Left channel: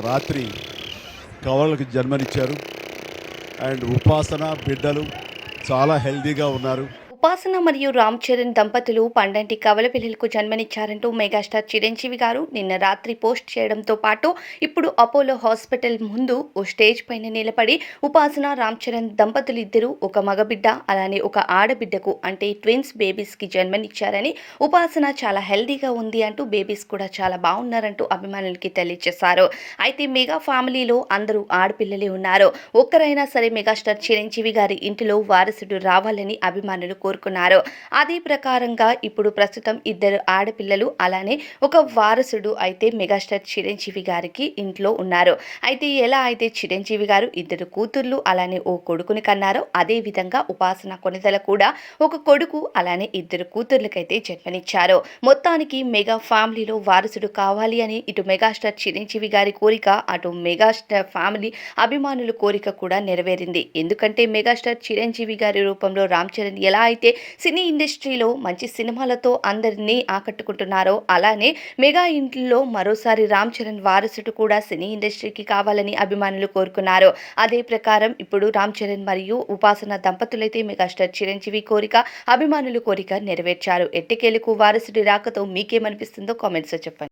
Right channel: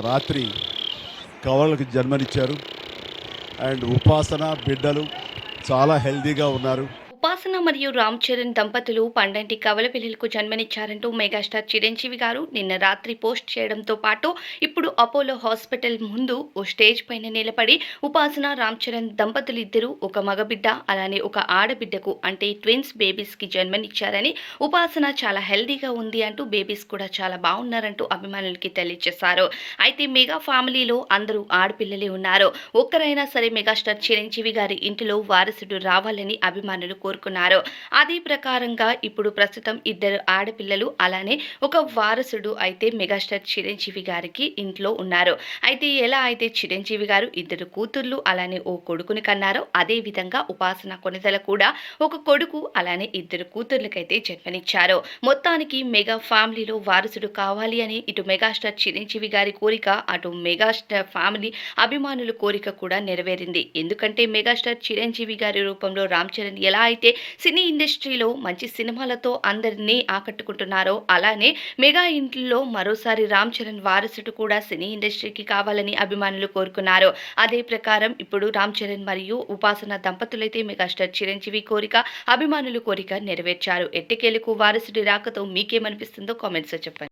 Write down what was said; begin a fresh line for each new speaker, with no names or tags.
రాత్రి కవలలకు జన్మనిచ్చారు. అండ్ ఉపాసన బిడ్డలు చాలా హెల్దీగా ఉన్నారు.
ఉపాసన మరియు రామ్ చరణ్ దంపతులు పండంటి కవల పిల్లలకు జన్మనిచ్చారంటూ మెగాస్టార్ చిరంజీవి గారు నిన్న రాత్రి పోస్ట్ చేయడంతో పాటు ఇప్పుడు అపోలో హాస్పిటల్ ముందు ఓ స్టేజ్ పైన నిలబడి ఉపాసన రామ్ చరణ్ దంపతులు ఇద్దరు ఒక మగబిడ్డ అలానే ఒక ఆడబిడ్డకు అంటే ట్విన్స్ బేబీస్కి జన్మనిచ్చారని ఉపాసన చాలా హెల్దీగా ఉంది అంటూ బేబీస్ కూడా చాలా బాగున్నారంటూ అభిమానులకి తెలియజేశారు. అయితే మెగా ఫ్యామిలీలో అందరూ ఆడపిల్లలే ఉన్నారు. ఒక్కరైనా సరే మెగాస్టార్ చిరంజీవి గారి ఇంటిలో వారసుడు రావాలని అభిమానులు కోరుకున్నారు. అదే ప్రకారంగా ఇప్పుడు ప్రస్తుతం ఇద్దరు ఆడపిల్లలు అలానే ఒక వారసుడు అయితే మెగాస్టార్ చిరంజీవి గారికి ఇంట్లో ఉన్నారు. అయితే ఎలా అయితే చిరంజీవి గారు ఇద్దరు కూతుర్లు అలానే ఓ కొడుకుని కన్నారో అదే విధంగా ఉపాసన కొనతల కూడా ఒక కొడుకు అలానే ఇద్దరు కూతుర్లకైతే జన్మనిచ్చారు. మొత్తానికి మెగా ఫ్యామిలీలో వారసుడు కావాలి అని ఇటు మెగాస్టార్ చిరంజీవి గారి కోరిక అటు మెగాస్టార్ ఫ్యామిలీ అభిమానుల కోరిక కూడా నెరవేరింది. ఎందుకంటే మెగాస్టార్ చిరంజీవి గారి రూపంలో రామ్ చరణ్ ఎలా అయితే సినీ ఇండస్ట్రీలో మంచి సినిమాలతో అందరినీ ఆకట్టుకుంటున్నారో అలానే మెగా ఇంట్లో మరోసారి రామ్ చరణ్ వారసుడు కూడా సినీ ఇండస్ట్రీకి కావాలని అభిమానులు కోరుకున్నారు. అదే ప్రకారం ఇప్పుడు రామ్ చరణ్ మరియు ఉపాసన దంపతులైతే మెగాస్టార్ చిరంజీవి కోరిక అభిమానులు కోరిక నెరవేర్చారు. ఎట్టకేలకు వారసుడి రాకతో మీకేమనిపిస్తుందో కామెంట్స్లో చెప్పండి.